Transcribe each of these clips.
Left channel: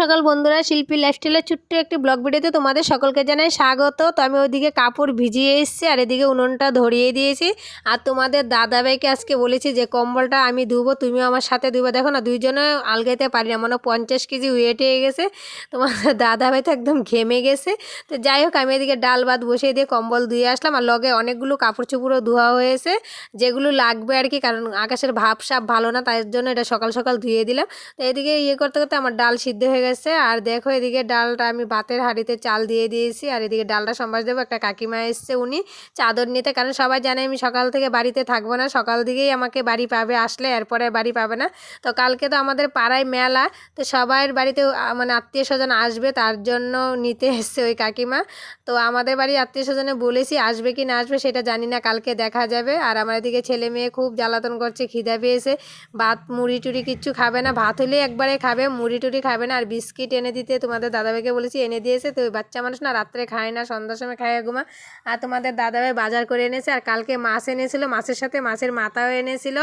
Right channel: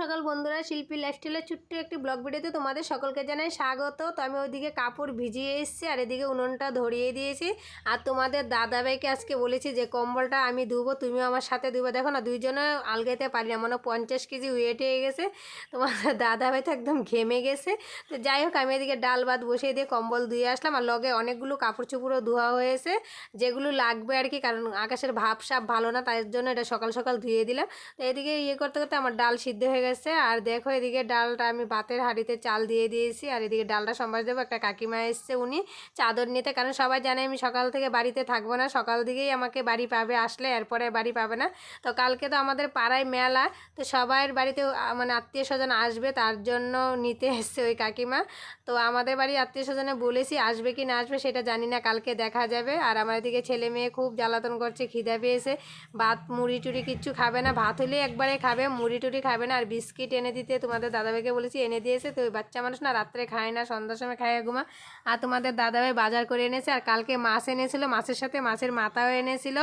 সকাল বন্ধুরা, শিল্পী লাইফস্টাইলের ছোট্ট একটি ব্লগ ভিডিওতে তোমাদের সকলকে জানাই স্বাগত। তো আমি ওইদিকে কাপড় ভিজিয়ে এসেছি আর এদিকে উনুনটা ধরিয়ে দিয়েছি। আর তোমাদের দাদাভাইকে আজকে বলেছি যে, কম্বলটা আমি ধুবো, তুমিও আমার সাথে ধুবো। দেখো না, দুইজনে আলগাইতে পারি না, মনে পঞ্চাশ কেজি ওয়েট হয়ে গেছে। তোমাদের দাদাভাই তো একদম ঘেমে গেছে। তো যাই হোক, আমি এদিকে ডাল ভাত বসিয়ে দিয়ে কম্বল ধুয়ে আসলাম। আর লগে অনেকগুলো কাপড় চোপড়ও ধোয়া হয়েছে, যেগুলো লাগবে আর কি, কারণ আকাশের ভাব সাপ ভালো না তার জন্য এটা সকাল সকাল ধুয়ে দিলাম। তো এদিকে ইয়ে করতে করতে আমার ডাল সিদ্ধ হয়ে গেছে। আর দেখো এদিকে ডালটা আমি ভাতের হাঁড়িতে চাল দিয়ে দিয়েছি। আর এদিকে ডালটা সম্বাস দেবো, একটা কাকিমা এসছে উনি চাদর নিতে। কারণ সবাই জানে আমি সকাল থেকে বাড়িতে থাকব না, সকাল দিকেই আমাকে বাড়ি পাবে আসলে, এরপরে বাড়ি পাবে না। তো কালকে তো আমাদের পাড়ায় মেলা, তো সবার বাড়িতে মানে আত্মীয় স্বজন আসবে, তার জন্য নিতে এসছে ওই কাকিমা। তো আমাদের বাড়ি আত্মীয় স্বজনে বলেছি, আসবে কি না আসবে সেটা জানি না, কালকে দেখা যাবে। আর আমার এদিকে ছেলে মেয়ে খুব জ্বালাতন করছে, খিদা পেয়েছে। ভাত, মুড়ি টুড়ি কিচ্ছু খাবে না, ভাত হলে একবারে খাবে, মুড়ি টুড়ি খাবে না, আর বিস্কিট এনে দিতে, তোমাদের দাদাভাইকে বলেছি, এনে দিয়েছে তো বাচ্চা মানুষ না রাত্রে খায় না, সন্ধ্যার সময় খায় ঘুমা। আর তোমাদের দাদাভাই বাজার করে এনেছে, আর কালকে মাছ এনেছিল, মাছের সাথে মাছের মাথাও এনেছিল।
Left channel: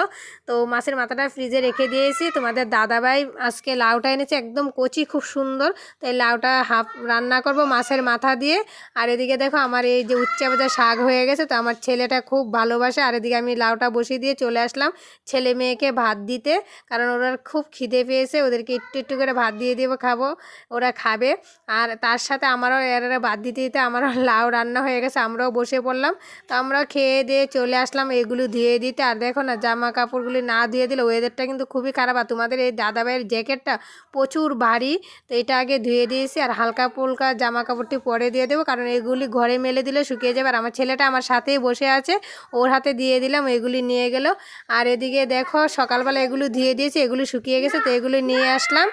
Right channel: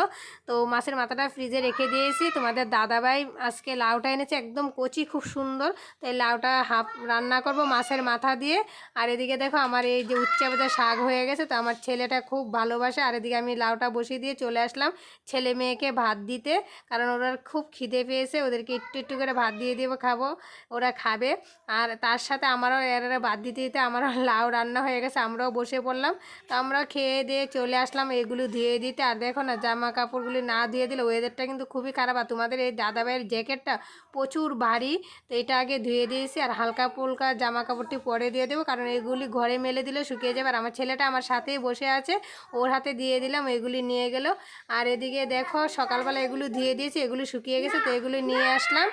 তো মাছের মাথাটা ফ্রিজে রেখে দিয়েছি তোমাদের দাদাভাই আজকে লাউটা এনেছে, একদম কচি, খুব সুন্দর। তো এই লাউটা হাফ রান্না করব মাছের মাথা দিয়ে। আর এদিকে দেখো আমার এই যে উচ্চা ভাজা শাক হয়ে গেছে, তো আমার ছেলেটা খুব ভালোবাসে। আর এদিকে আমি লাউটা বসিয়ে দিয়ে চলে আসলাম ছেলে মেয়েকে ভাত দিতে, কারণ ওরা খুব খিদে পেয়েছে, ওদেরকে একটু একটু করে ভাত দিয়ে দেবো। খাব, ওরা খাবে। আর তার সাথে আমারও এরা বাদ দিতে দিতে আমারও লাউ রান্না হয়ে গেছে, আমরাও বসে পড়লাম। তো আমরা খেয়ে দিয়ে চলে আসলাম, এগুলো ধুয়ে দিতে। আর দেখো না জামা কাপড়গুলি না ধুয়ে দিলে ওয়েদারটা কিন্তু খুবই খারাপ। আর তোমাদের এই দাদাভাইয়ের জ্যাকেটটা প্রচুর ভারী, তো এটা আগে ধুয়ে দিয়েছি। আর হালকা পুলকা জামা কাপড়টি পরে দিয়ে দেবো, কারণ এগুলি ঘরে মেলে দিলে শুকিয়ে যাবে। আর আমার ছেলেটা আমার সাথেই বসে আছে, ওর হাতে দিয়ে দিলাম, এগুলি নিয়ে গেল। আর এদিকে দেখো, সকালবেলা এগুলো ধুয়ে দিয়েছি, এগুলি শুকিয়ে গেছে, তো এগুলি নিয়ে আসলাম।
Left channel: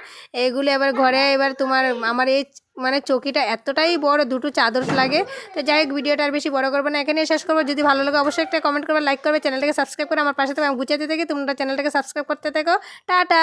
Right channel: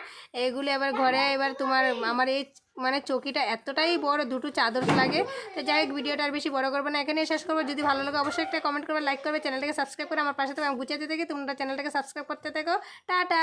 এগুলি এবার ঘরে, এবার তোমার আমার এই মানে চকিটা এতটাই বড়, দুটো চাদর লাগে। তো যাই হোক, ভিডিওটা আর বেশি বড় করব না এখানে শেষ করব। যদি ভালো লাগে অবশ্যই একটা কমেন্ট করবে লাইক করবে চ্যানেলটাকে সাবস্ক্রাইব করে আমার পাশে থেকে আমি গুছিয়ে থেকে, তোমরা চ্যানেলটাকে সাবস্ক্রাইব করতে থাকো। টাটা!